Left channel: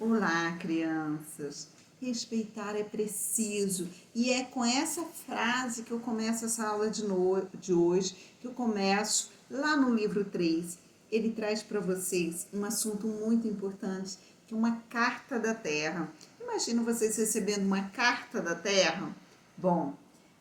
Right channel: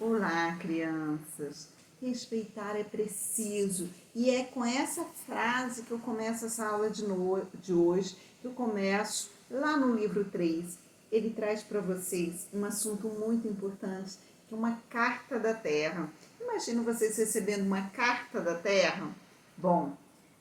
Olá, crianças! Respeitar é preciso. E é com essa frase que eu começo essa aula de hoje, que eu começo lá no livro 3. Ele traz para vocês um assunto muito importante, que é uma carta da Terra. Imagina vocês recebendo uma carta da Terra? Bom,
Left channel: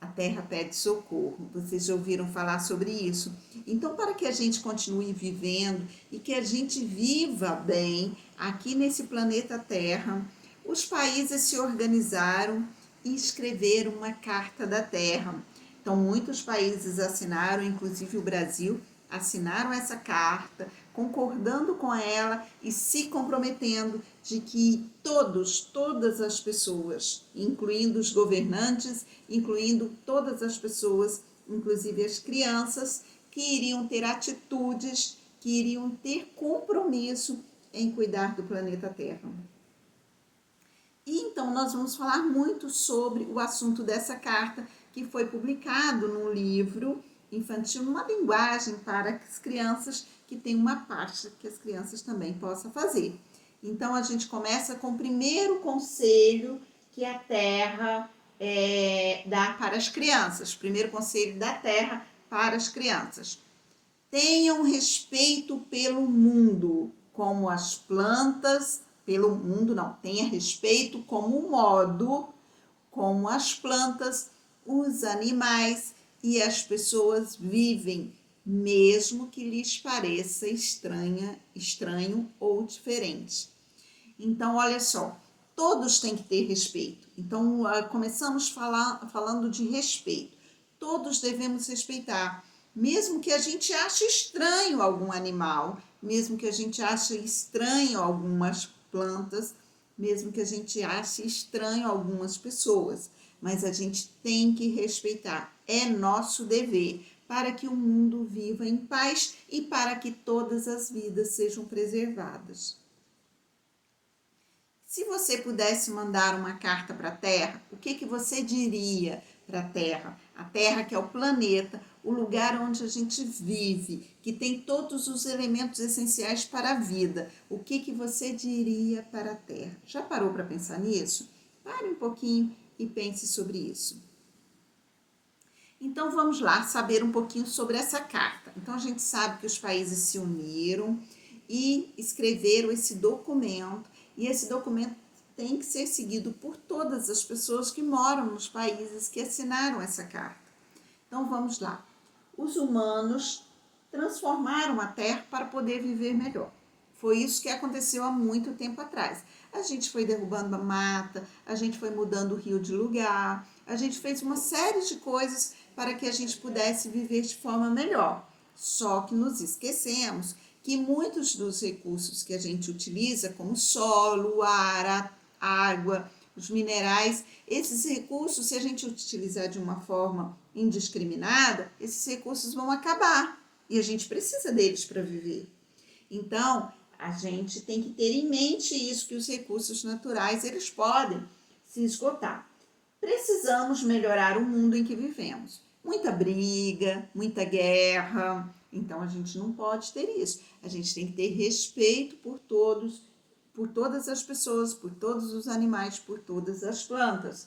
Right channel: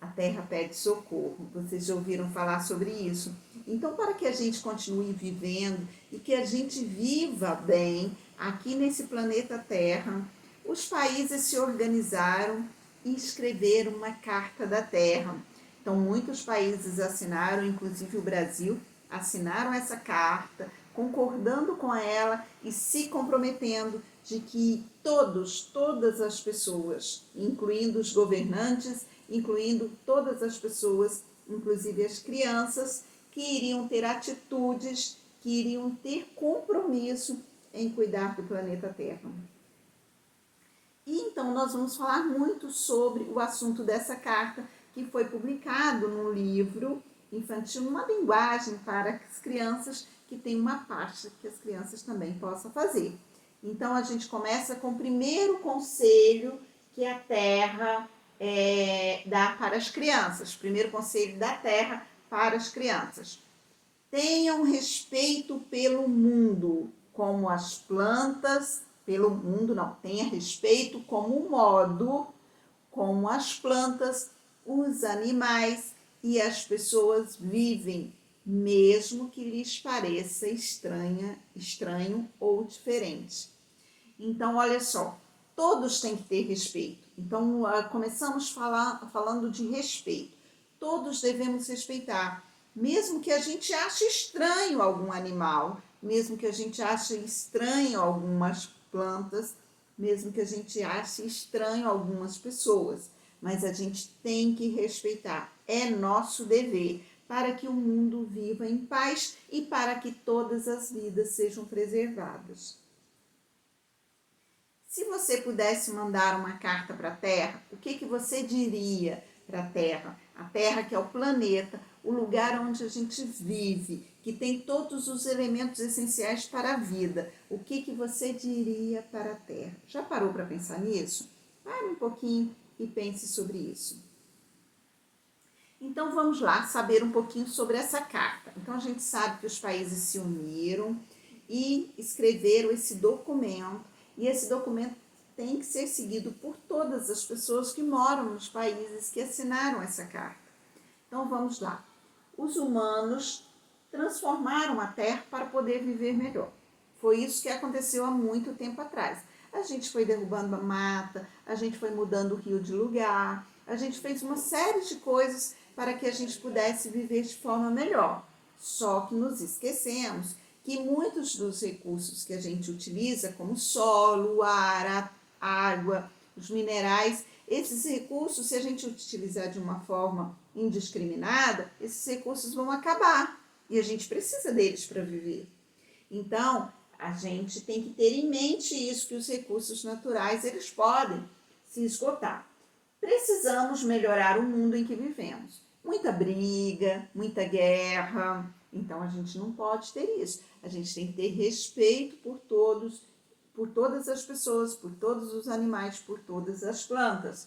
a Terra pede socorro. Vocês já ouviram falar sobre isso? Então, para que a gente continue vivendo e que a gente viva bem aqui nesse planeta Terra, os países se organizaram e escreveram uma Carta da Terra. Então, muitos países assinaram, inclusive o Brasil, assinaram essa carta, concordando com ela e se comprometendo de que todas as pessoas, incluindo os governantes, incluindo todas as pessoas, inclusive as crianças, que iriam ter atitudes, que iriam ter compromisso em cuidar do planeta Terra. E então nós vamos falar muito sobre o assunto dessa carta, que foi publicado num livro infantil, numa linguagem para as crianças, que tem uma parte que as crianças também possam fazer. Então a gente começa com o primeiro conselho que a Terra dá para as crianças. Primeiro conselho da Terra para as crianças. Tenham respeito pelo mundo, como as plantas, pelo mundo não, tenha respeito como modo, como as plantas, os animais e as pessoas vivem, mesmo que lhes pareça estranho ou diferente. Então, olha só, todos têm que ter respeito. Então, começamos falando de respeito. Todos devemos respeitar, mesmo que a gente ache estranho algum animal, mesmo que a gente ache estranho algumas plantas, mesmo que a gente ache estranho algumas pessoas, mas a gente tem que respeitar. É nosso dever para que o mundo viva em paz e para que todas as vidas sejam preservadas. Se você pudesse mandar uma carta para a Terra, o que você diria para a Terra? A Terra, que é o planeta, o lugar onde a gente vive, que tem todos os elementos essenciais para a vida. O que você diria para a Terra? Já parou para pensar nisso? Pare um pouquinho e pense sobre isso. Então vamos lá saber um pouquinho sobre essa carta. Então a gente sabe que os países se uniram e escreveram esse documento, e esse documento tem que ser seguido por todas as pessoas que moram nos países que assinaram essa carta. Então vamos lá. Os humanos transformaram a Terra para poder viver melhor. Foi isso que aconteceu há muito tempo atrás. A gente foi derrubando a mata, a gente foi mudando o rio de lugar, a gente fez uma série de coisas para que a gente pudesse viver de forma melhor. Só que nos esquecemos que muitos dos recursos que a gente utiliza, como solo, ar, a água, os minerais, esses recursos, se a gente utilizar de uma forma indiscriminada, esses recursos vão acabar e a gente precisa deles para viver. Então, a gente tem que ter em mente isso, que os recursos naturais, eles podem se esgotar. Precisamos melhorar o mundo em que vivemos. Muita briga, muita guerra, então a gente não pode ter isso. A gente tem que ter respeito por todos, por todas as pessoas, por todos os animais, por todas as plantas.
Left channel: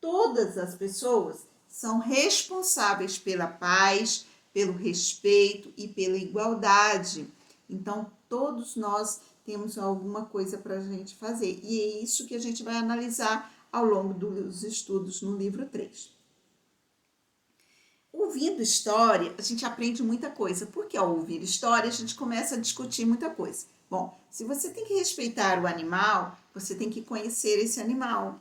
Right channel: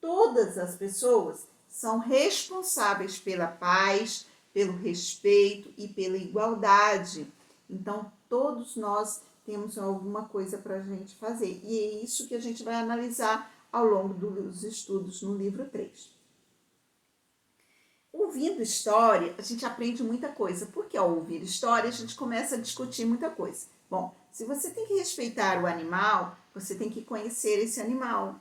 Todas as pessoas são responsáveis pela paz, pelo respeito e pela igualdade. Então, todos nós temos alguma coisa para a gente fazer. E é isso que a gente vai analisar ao longo dos estudos no livro 3. Ouvindo história, a gente aprende muita coisa, porque ao ouvir história a gente começa a discutir muita coisa. Bom, se você tem que respeitar o animal, você tem que conhecer esse animal.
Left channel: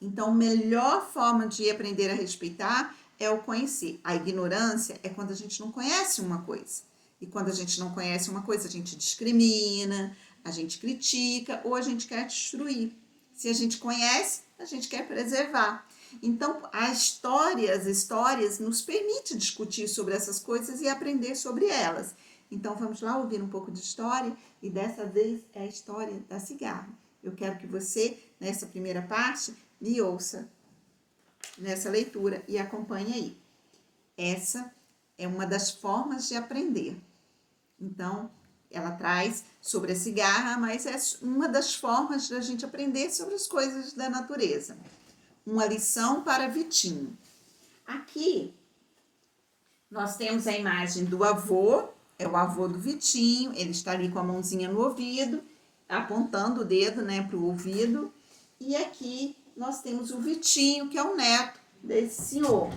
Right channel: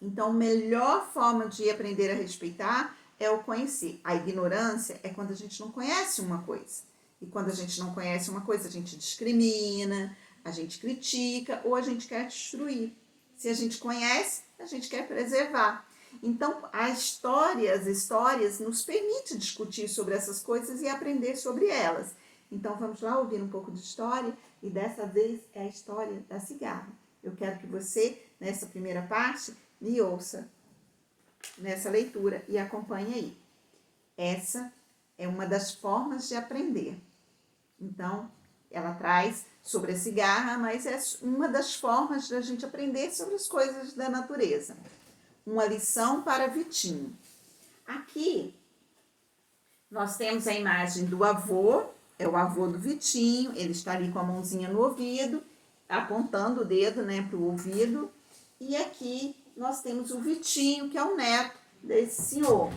Então, a melhor forma de aprender a respeitar é o conhecer. A ignorância é quando a gente não conhece uma coisa. E quando a gente não conhece uma coisa, a gente discrimina, a gente critica ou a gente quer destruir. Se a gente conhece, a gente quer preservar. Então, as histórias nos permitem discutir sobre essas coisas e aprender sobre elas. Então, vamos lá ouvir um pouco de história, e dessa vez é a história da cigarra. Eu quero que você, nessa primeira parte, me ouça nessa leitura e acompanhe aí. Essa é uma das formas de aprender. Então, Ela traz sobre a cigarra, mas é uma das formas da gente aprender sobre as coisas da natureza. Uma lição para Vitinho. Aqui nós temos a imagem do avô, é o avô do Vitinho, ele está ali com a mãozinha no ouvido, apontando o dedo, né, para o ouvido. E aqui nós temos o Vitinho, que é o neto desse senhor.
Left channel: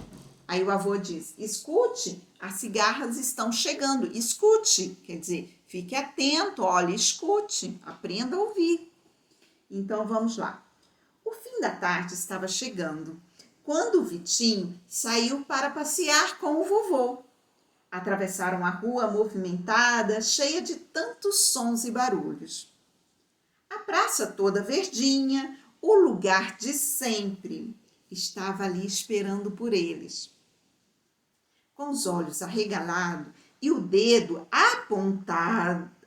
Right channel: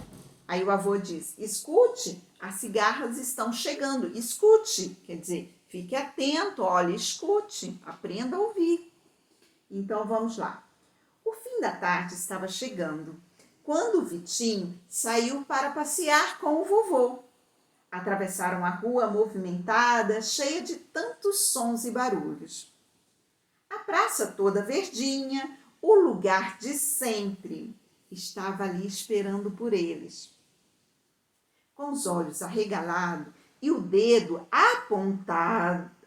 Aí o avô diz, escute, as cigarras estão chegando. Escute, quer dizer, fique atento, olhe, escute, aprenda a ouvir. Então vamos lá. O fim da tarde estava chegando, quando o Vitinho saiu para passear com o vovô. Atravessaram a rua movimentada, cheia de tantos sons e barulhos. A praça toda verdinha, o lugar de sempre, estava ali esperando por eles. Com os olhos arregalados e o dedo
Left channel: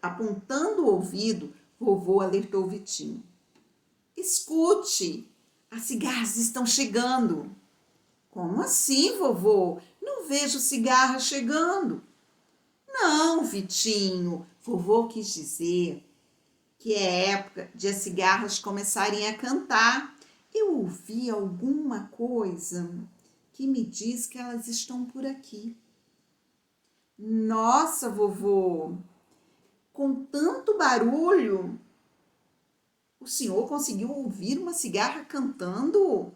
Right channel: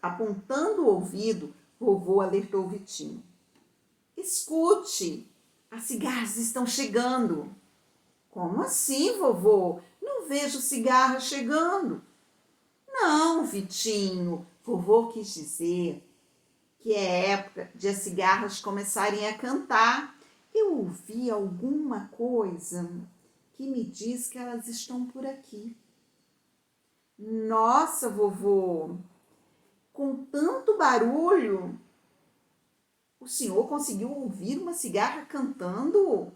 apontando o ouvido, vovô alertou Vitinho. Escute, as cigarras estão chegando. Como assim, vovô? Não vejo cigarras chegando. Não, Vitinho, vovô quis dizer que é época de as cigarras começarem a cantar. Eu ouvi alguma coisa que me diz que elas estão por aqui. Nossa, vovô, com tanto barulho, o senhor conseguiu ouvir uma cigarra cantando? O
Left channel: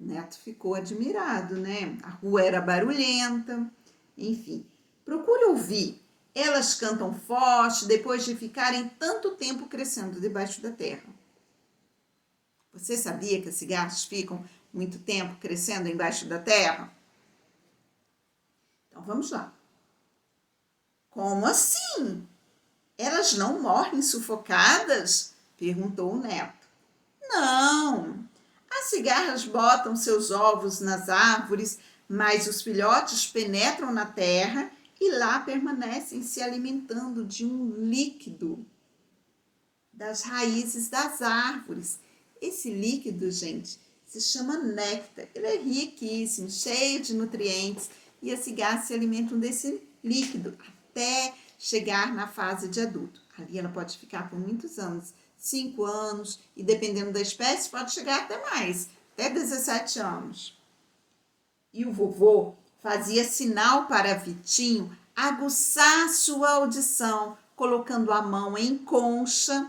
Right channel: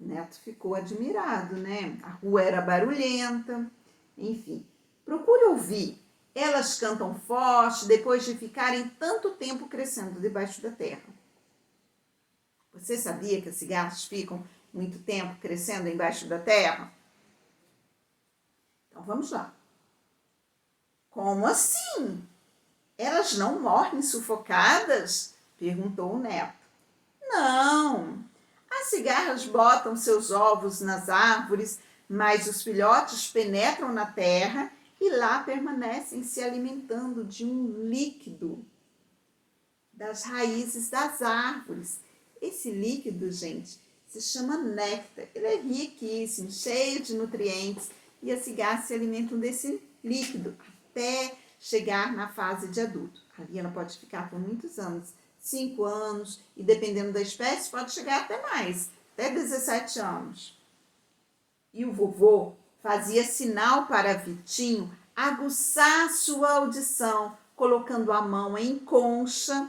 neto ficou admirado, né? A rua era barulhenta, enfim. Procure ouvir. Elas cantam forte depois de ficarem tanto tempo crescendo debaixo da terra. Você sabia que as cigarras ficam muito tempo crescendo embaixo da terra? Então vamos lá. Como assim? Elas não morrem sufocadas? Perguntou o neto. Não. As cigarras botam seus ovos nas árvores, mas os filhotes penetram na terra e lá permanecem se alimentando de um líquido das raízes das árvores. Esse líquido, gente, se chama néctar. Ele é riquíssimo, cheio de nutrientes e as cigarras se alimentam desse líquido até chegar na fase de adulto. Ali ela pode ficar por muitos anos, 5 anos, e dependendo da espécie pode chegar até mais, até 17 anos. E o vovô fazia sinal para Vitinho aguçar sua audição, colocando a mão em concha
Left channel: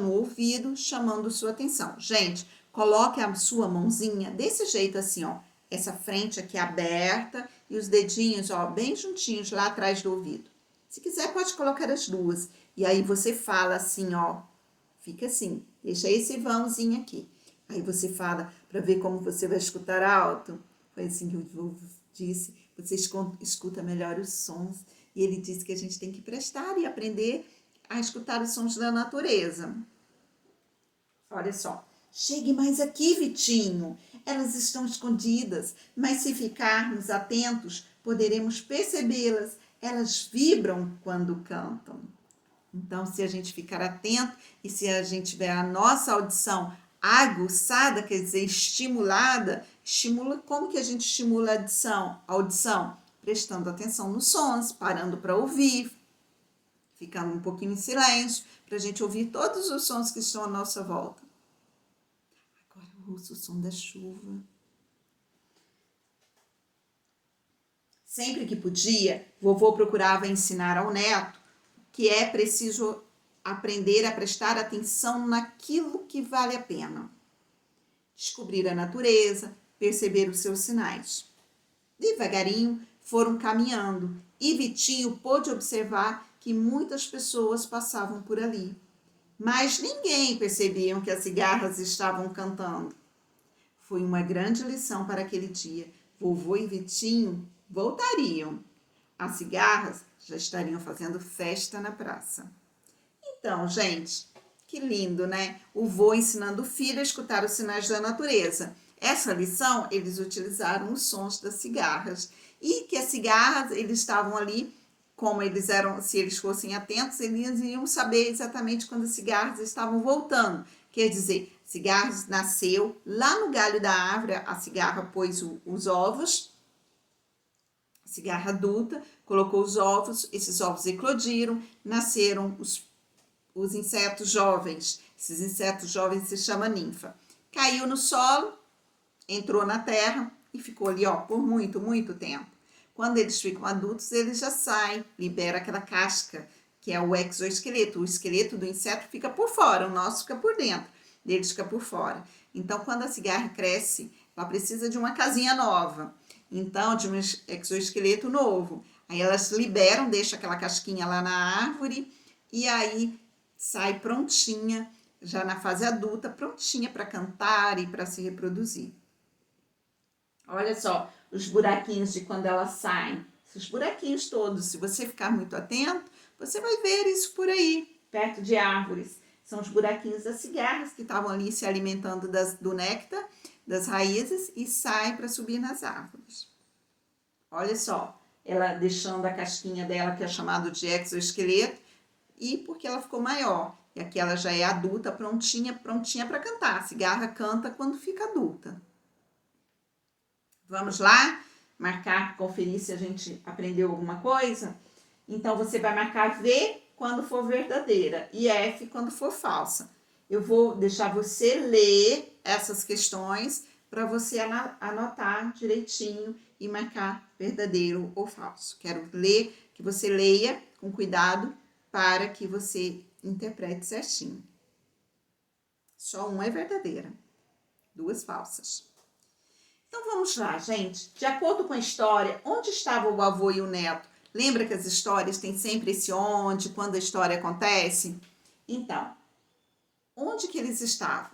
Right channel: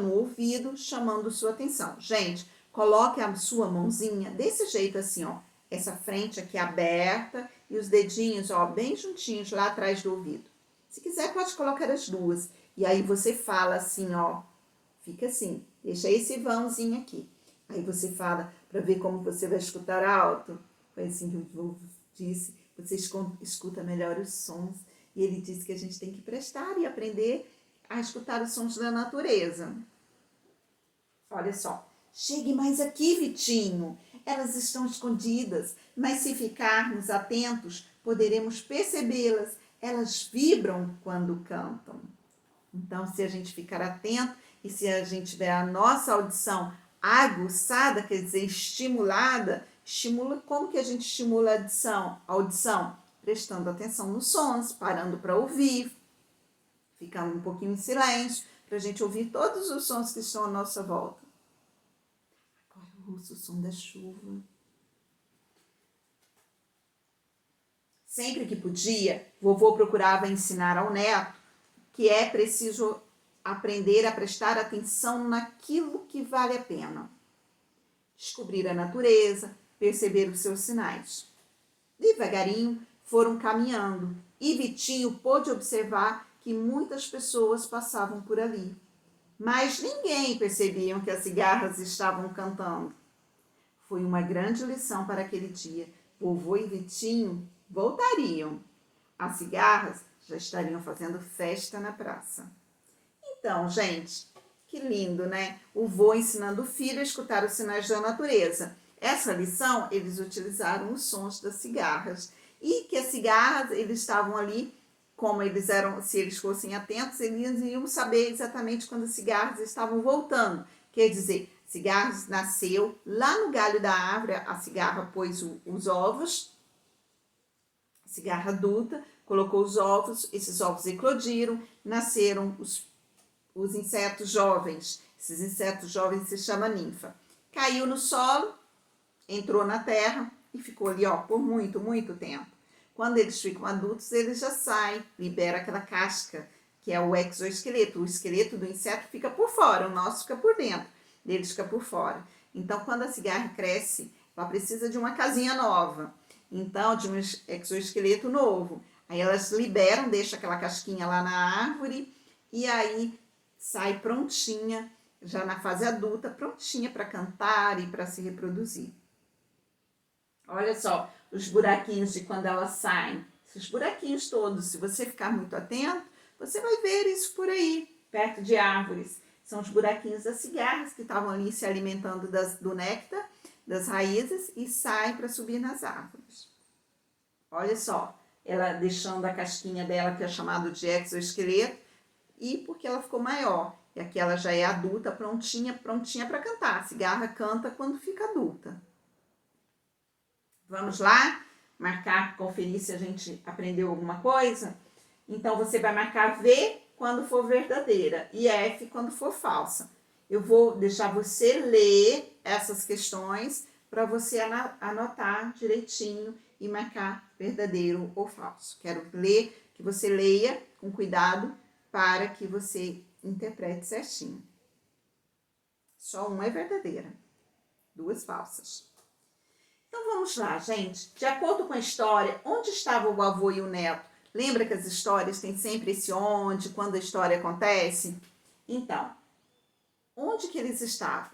no ouvido, chamando sua atenção. Gente, coloque a sua mãozinha desse jeito assim, ó, essa frente aqui aberta e os dedinhos, ó, bem juntinhos lá atrás do ouvido. Se quiser, pode colocar as duas. E aí você fala assim, ó, fica assim, deixa esse vãozinho aqui. Aí você fala para ver como você vai escutar alto. Foi assim que o vovô disse, você escuta melhor os sons. E ele disse que a gente tem que prestar e aprender a escutar os sons da natureza. Olha só. Chegue mais aqui, Vitinho. Elas estão escondidas, mas se ficarmos atentos, poderemos percebê-las. Elas vibram quando cantam. Então, se a gente ficar atento e se a gente tiver a nossa audição aguçada, quer dizer, estimulada, como que a gente estimula a audição? Prestando atenção nos sons, parando para ouvir, ficando um pouquinho em silêncio, para a gente ouvir todos os sons que estão à nossa volta. Agora eu ouço o som da chuva. Sempre que podia, vovô procurava ensinar ao neto que é preciso aprender a prestar atenção naquilo que vale a pena. Descobrir a natureza, perceber os seus sinais. Devagarinho foram caminhando e Vitinho pôde observar que muitas pessoas passavam por ali. Mas ninguém percebia que as cigarras estavam cantando. Foi uma grande lição para aquele dia. Vovô e Vitinho voltariam. As cigarras já estariam fazendo festa na praça. Então, gente, que lindo, né? O vô ensinando o filho a escutar os sinais da natureza. Essa lição, eles utilizaram os sons das cigarras. E que as cigarras, eles estavam ali, como eles eram, se eles fossem atentos, eles iam saber exatamente quando as cigarras estavam voltando. Quer dizer, cigarras nasceu lá no galho da árvore, a cigarra pôs os ovos, cigarra adulta, colocou os ovos, esses ovos eclodiram, nasceram os insetos jovens. Esses insetos jovens se chamam ninfa. Caiu no solo, entrou na terra e ficou ali, ó, por muito, muito tempo. Quando eles ficam adultos, eles já saem, libera aquela casca, que é o exoesqueleto. O esqueleto do inseto fica por fora, o nosso fica por dentro, deles fica por fora. Então, quando a cigarra cresce, ela precisa de uma casinha nova, então, de um exoesqueleto novo. Aí elas liberam, deixam aquela casquinha lá na árvore e aí sai prontinha, já na fase adulta, prontinha para cantar e para se reproduzir. Olha só, os buraquinhos de quando elas saem. Os buraquinhos todos, se você ficar muito atento, você vai ver isso por aí, perto de árvores. São os buraquinhos das cigarras que estavam ali se alimentando do néctar, das raízes e saem para subir nas árvores. Olha só, ela deixando a casquinha dela, que é chamado de exoesqueleto, e porque ela ficou maior. E aqui ela já é adulta, prontinha para cantar. A cigarra canta quando fica adulta. Vamos lá? Marcar, conferir se a gente aprendeu alguma coisa? Então, você vai marcar V quando for verdadeira e F quando for falsa. Eu vou deixar você ler essas questões para você anotar direitinho e marcar verdadeiro ou falso. Quero ler, que você leia com cuidado para que você interprete certinho. Só uma é verdadeira, duas falsas. Então vamos lá, gente. De acordo com a história, onde estava o avô e o neto? Lembra que as histórias têm sempre esse onde, quando a história acontece? Então, onde que eles estavam?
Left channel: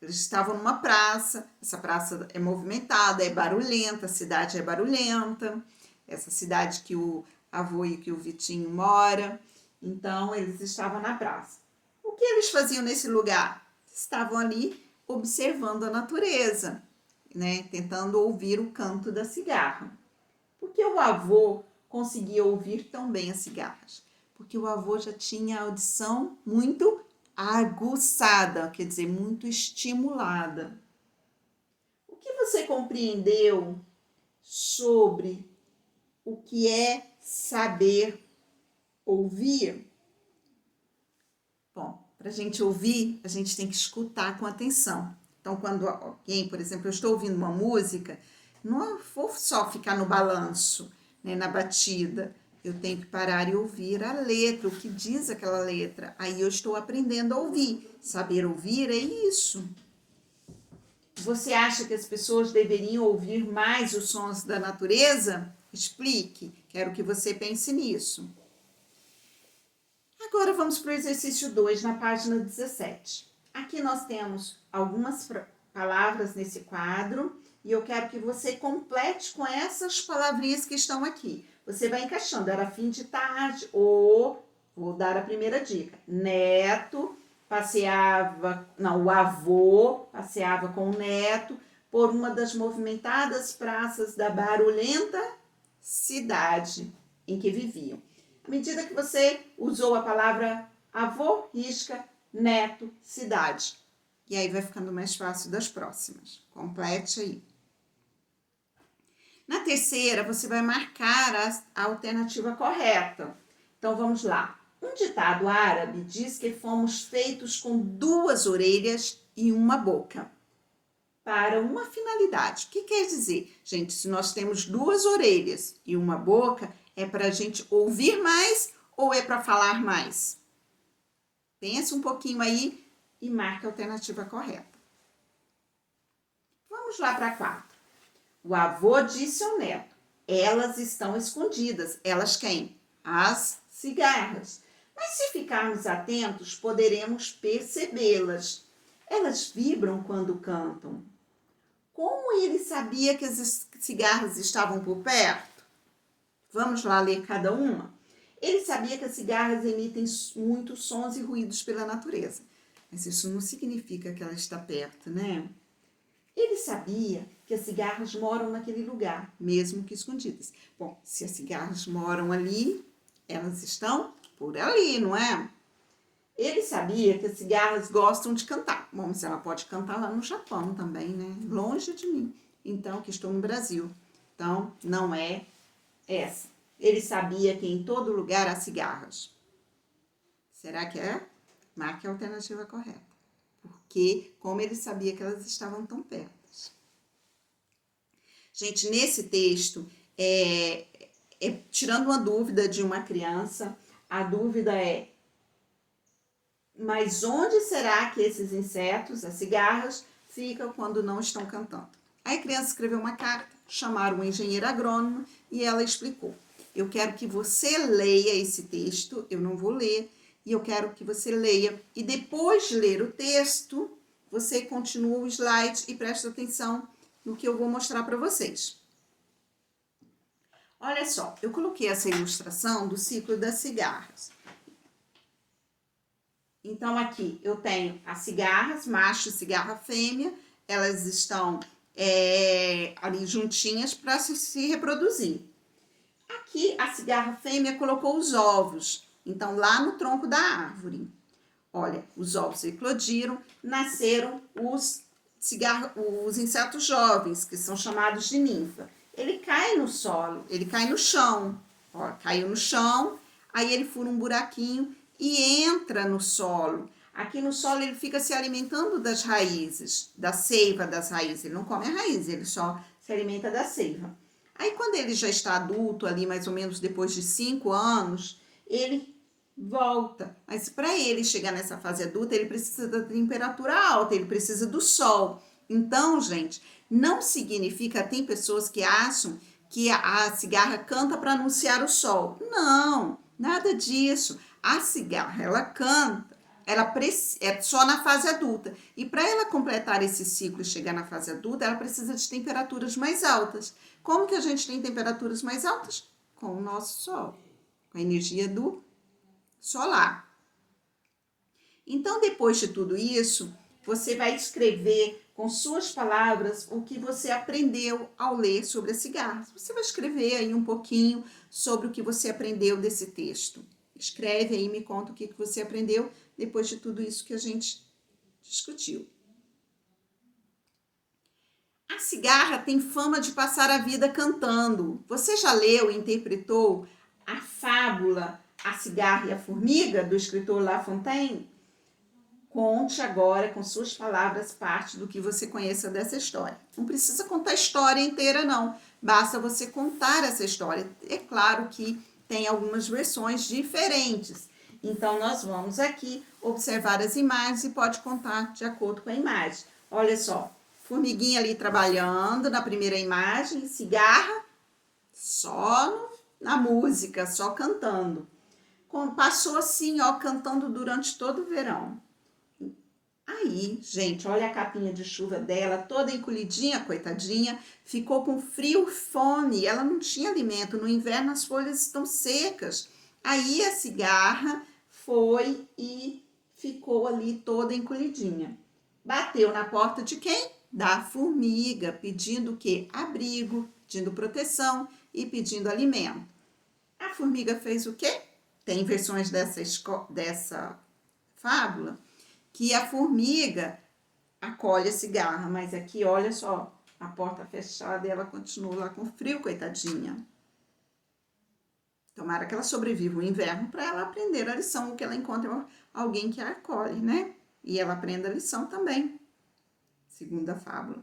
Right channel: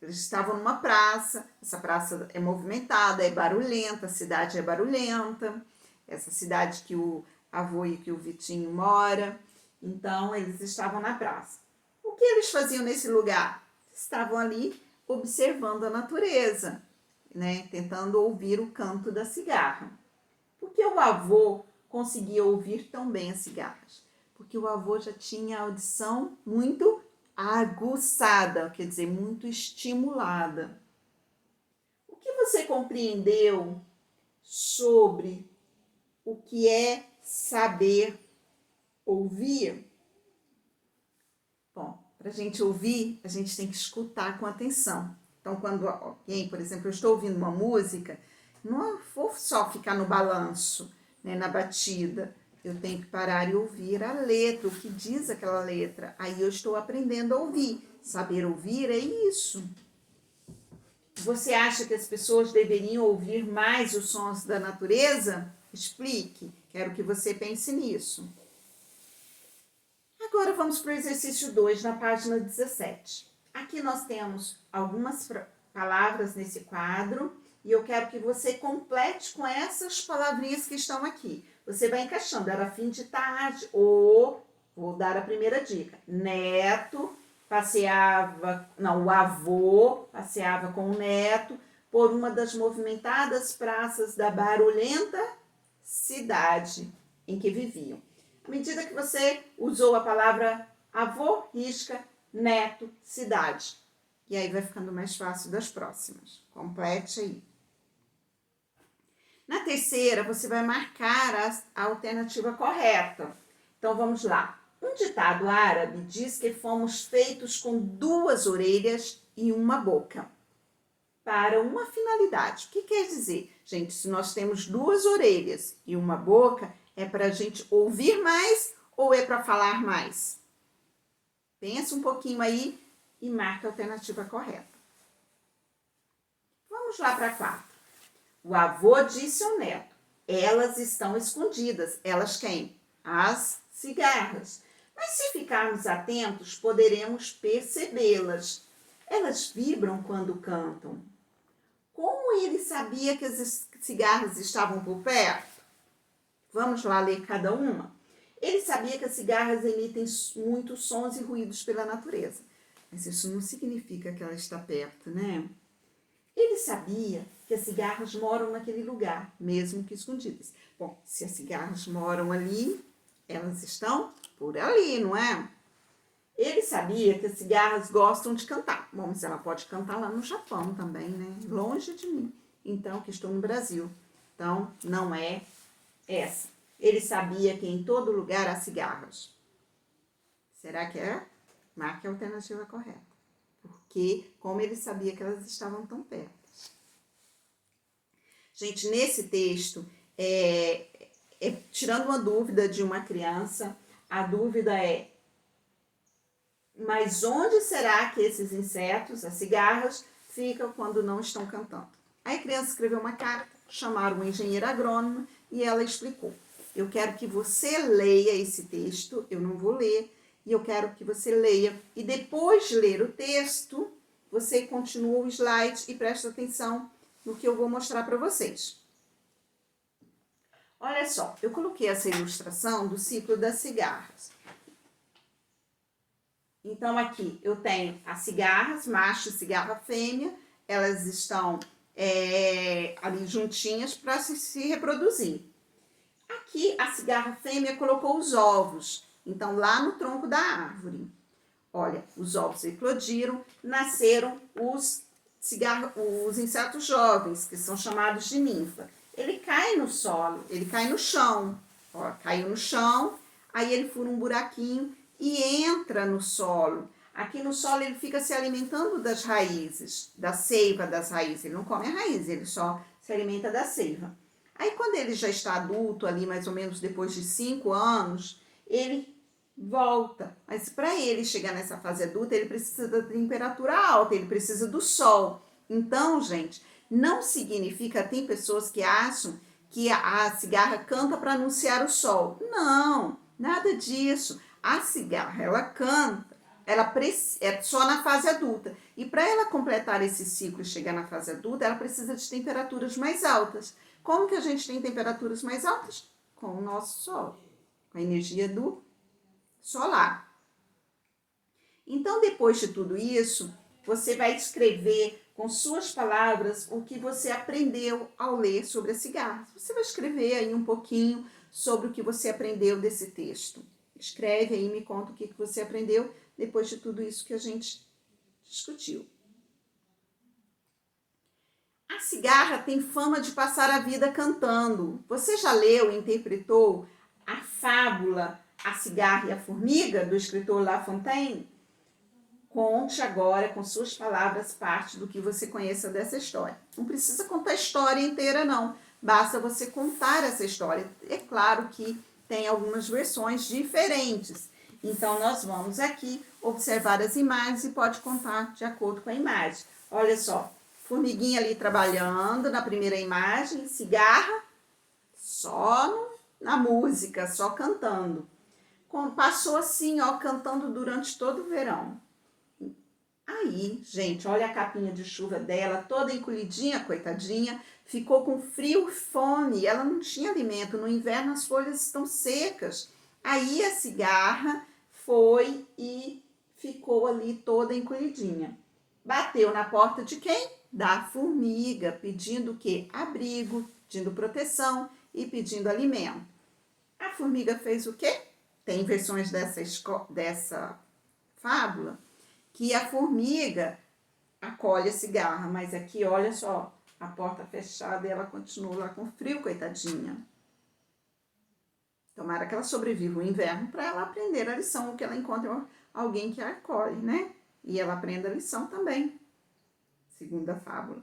Eles estavam numa praça, essa praça é movimentada, é barulhenta, a cidade é barulhenta, essa cidade que o avô e que o Vitinho mora. Então, eles estavam na praça. O que eles faziam nesse lugar? Estavam ali observando a natureza, né? Tentando ouvir o canto da cigarra. Por que o avô conseguia ouvir tão bem as cigarras? Porque o avô já tinha a audição muito aguçada, quer dizer, muito estimulada. O que você compreendeu sobre o que é saber ouvir? Bom, para a gente ouvir, a gente tem que escutar com atenção. Então, quando alguém, por exemplo, eu estou ouvindo uma música, não vou só ficar no balanço, né, na batida. Eu tenho que parar e ouvir a letra, o que diz aquela letra. Aí eu estou aprendendo a ouvir. Saber ouvir é isso. Você acha que as pessoas deveriam ouvir mais os sons da natureza? Explique. Quero que você pense nisso. Agora vamos para o exercício 2, na página 17. Aqui nós temos algumas palavras nesse quadro e eu quero que você complete com essas palavrinhas que estão aqui. Você vai encaixando, era fim de tarde, ou, vou dar a primeira dica, neto passeava, não, o avô passeava com o neto por uma das movimentadas praças da barulhenta cidade em que viviam. À medida que você usou a palavra avô, risca, neto, cidade. E aí vai ficando mais fácil das próximas. Complete aí. Na terceira, você vai marcar a alternativa correta. Então, vamos lá. Um ditado árabe diz que fomos feitos com duas orelhas e uma boca, para uma finalidade. O que quer dizer? Gente, se nós temos duas orelhas e uma boca, é para a gente ouvir mais ou é para falar mais? Pensa um pouquinho aí e marca a alternativa correta. Vamos lá para a 4. O avô disse ao neto, elas estão escondidas. Elas quem? As cigarras. Mas se ficarmos atentos, poderemos percebê-las. Elas vibram quando cantam. Como ele sabia que as cigarras estavam por perto? Vamos lá ler cada uma? Ele sabia que as cigarras emitem muitos sons e ruídos pela natureza. Mas isso não significa que ela está perto, né? Ele sabia que as cigarras moram naquele lugar, mesmo que escondidas. Bom, se as cigarras moram ali, elas estão por ali, não é? Ele sabia que as cigarras gostam de cantar. Bom, mas ela pode cantar lá no Japão também, né? Longe de mim. Então, que estou no Brasil. Então, não é Essa. Ele sabia que em todo lugar há cigarras. Será que é? Marque a alternativa correta. Porque, como ele sabia que elas estavam tão perto. Gente, nesse texto, tirando uma dúvida de uma criança, a dúvida é: mas onde será que esses insetos, as cigarras, ficam quando não estão cantando? Aí a criança escreveu uma carta, chamaram um engenheiro agrônomo e ela explicou. Eu quero que você leia esse texto, eu não vou ler, e eu quero que você leia. E depois de ler o texto, você continua o slide e presta atenção no que eu vou mostrar para vocês. Olha só, eu coloquei essa ilustração do ciclo das cigarras. Então, aqui eu tenho as cigarras, macho e cigarra fêmea, elas estão ali juntinhas para se reproduzir. Aqui a cigarra fêmea colocou os ovos, então lá no tronco da árvore. Olha, os ovos eclodiram, nasceram os insetos jovens, que são chamados de ninfa. Ele cai no solo, ele cai no chão. Ó, caiu no chão, aí ele fura um buraquinho e entra no solo. Aqui no solo ele fica se alimentando das raízes, da seiva das raízes. Ele não come a raiz, ele só se alimenta da seiva. Aí quando ele já está adulto, ali mais ou menos depois de 5 anos, ele volta. Mas para ele chegar nessa fase adulta, ele precisa da temperatura alta, ele precisa do sol. Então, gente, não significa, tem pessoas que acham que a cigarra canta para anunciar o sol. Não, nada disso. A cigarra, ela canta, é só na fase adulta. E para ela completar esse ciclo e chegar na fase adulta, ela precisa de temperaturas mais altas. Como que a gente tem temperaturas mais altas? Com o nosso sol, com a energia do solar. Então, depois de tudo isso, você vai escrever com suas palavras o que você aprendeu ao ler sobre as cigarras. Você vai escrever aí um pouquinho sobre o que você aprendeu desse texto. Escreve aí e me conta o que você aprendeu depois de tudo isso que a gente discutiu. A cigarra tem fama de passar a vida cantando. Você já leu e interpretou a fábula A Cigarra e a Formiga, do escritor La Fontaine? Conte agora, com suas palavras, parte do que você conheça dessa história. Não precisa contar a história inteira, não. Basta você contar essa história. É claro que tem algumas versões diferentes. Então, nós vamos aqui observar as imagens e pode contar de acordo com a imagem. Olha só, formiguinha ali trabalhando na primeira imagem, cigarra só na música, só cantando. Passou assim, ó, cantando durante todo o verão. Aí, gente, olha a capinha de chuva dela, toda encolhidinha, coitadinha, ficou com frio e fome, ela não tinha alimento, no inverno as folhas estão secas. Aí a cigarra foi e ficou ali toda encolhidinha. Bateu na porta de quem? Da formiga, pedindo o quê? Abrigo, pedindo proteção e pedindo alimento. A formiga fez o quê? Tem versões dessa fábula que a formiga acolhe a cigarra, mas aqui, olha só, a porta fechada e ela continua lá com frio, coitadinha. Tomara que ela sobreviva o inverno para ela aprender a lição, que ela encontre alguém que a acolhe, né? E ela aprenda a lição também, segundo a fábula.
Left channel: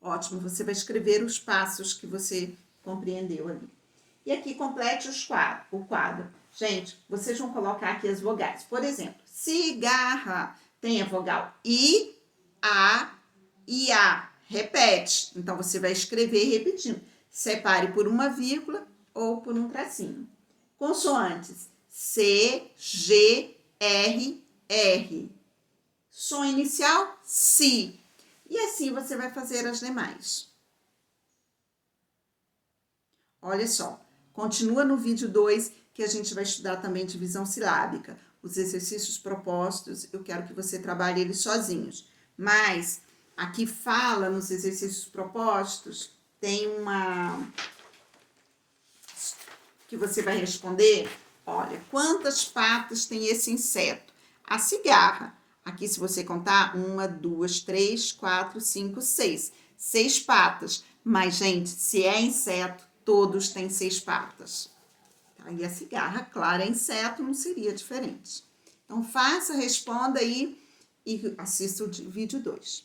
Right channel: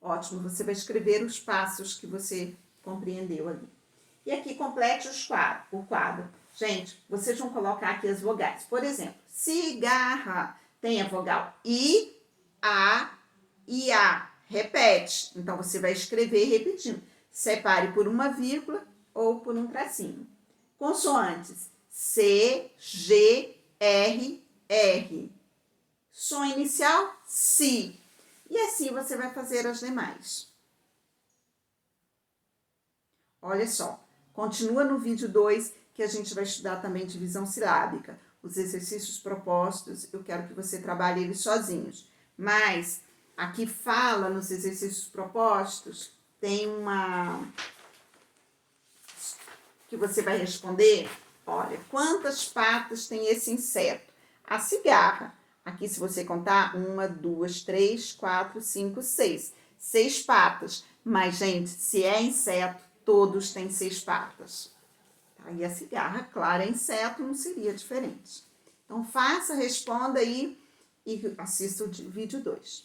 Ótimo, você vai escrever os passos que você compreendeu ali. E aqui complete o quadro. Gente, vocês vão colocar aqui as vogais. Por exemplo, cigarra tem a vogal I, A e A. Repete. Então, você vai escrever repetindo. Separe por uma vírgula ou por um tracinho. Consoantes C, G, R, R. Som inicial, Si. E assim você vai fazer as demais. Olha só, continua no vídeo 2, que a gente vai estudar também divisão silábica. Os exercícios propostos, eu quero que você trabalhe eles sozinhos. Mas, aqui fala nos exercícios propostos, tem uma que você vai responder. Olha, quantas patas tem esse inseto? A cigarra. Aqui, se você contar, 1, 2, 3, 4, 5, 6. 6 patas. Mas, gente, se é inseto, Todos têm 6 patas. Tá? E a cigarra, claro, é inseto, não seria diferente. Então, faça, responda aí e assista o vídeo 2.